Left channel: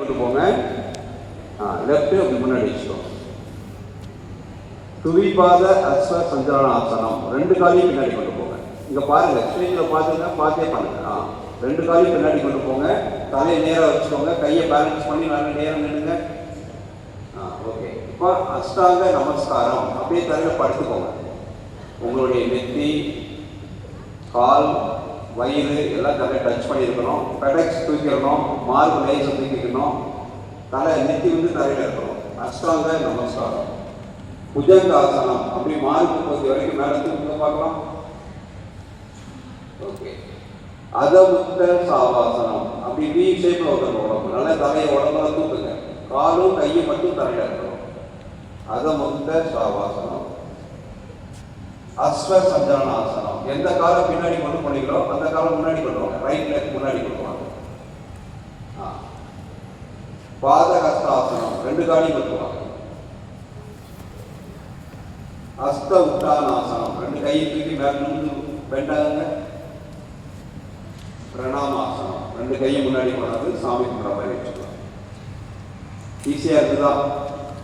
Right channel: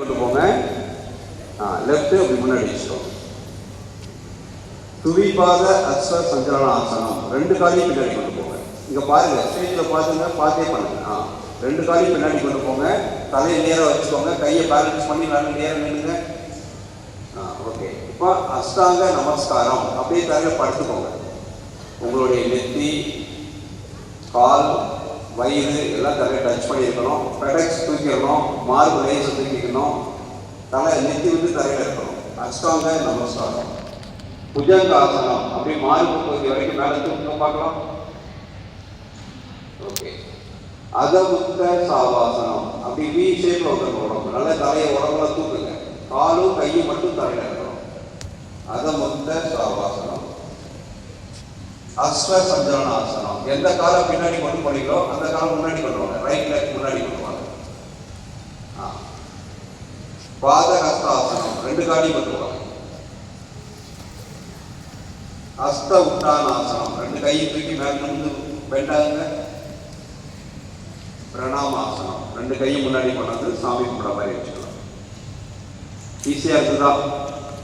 கொண்டு போங்க. லெஃப்ட் அப்படி முன்னாடி வச்சுக்கோங்க. துவிபாத அஸ்வ சஞ்சலன ஆசனம். 2 காலையும் பின்னாடி கொண்டு போங்க. இங்கே பாருங்கள், ஸ்டேஜில் பார்த்துங்க, பார்த்தே பண்ணுங்க. 2 காலையும் பின்னாடி கொண்டு போங்க. தலையை நேராக வச்சுக்கோங்க. கையை பேலன்ஸ் பண்ணி நல்லா நேரம் நின்றுங்க. ஓகே. இப்போ அஷ்டாங்க நமஸ்காரம். அப்படியே தலையில் படுத்துக்கோங்க. உங்களுடைய நெத்தி, கால், வயிறு எல்லாம் தலையை டச் பண்ணியிருக்கணும். பெடக்ஸ் தூக்கிடணும். மார்பு லேசை தூக்கிக்கணும். தலை நெத்தி வந்து தரையில் இருக்கணும். அஷ்டாங்க நமஸ்காரம். புஜங்க ஆசனம். அப்படி மார்பு பகுதி வரைக்கும் மேலே தூக்க பார்க்கலாம். ஓகே. அதமுத்த சாவாசனம். அப்படி வி ஷேப்பில் வந்துடும் உடம்பு. நல்லா தலையை உடம்புல தூக்குங்க. காலும் கையும் மட்டும் தரையில் இருக்கணும். அதமுத்த சாவாசனம். அஸ்வ சஞ்சலன ஆசனம். எந்த காலம் பின்னாடி கொண்டு போனீங்களோ அந்த காலம் முன்னாடி கொண்டு வாங்க. ரைட் லெக் முன்னாடி கொண்டு வாங்க. பாதஹஸ்த ஆசனம். 2 காலையும் கொண்டு வாங்க. ஹஸ்த உத்தானாசனம். 2 கையை தூக்கி மேலே நின்று வேண்டாங்க. பிரணாமாசனம். 2 கையும் முன்னாடி கொண்டாந்து சாமி கும்பிட மாதிரி வச்சுக்கலாம். ஈஸியாக இருக்குதா?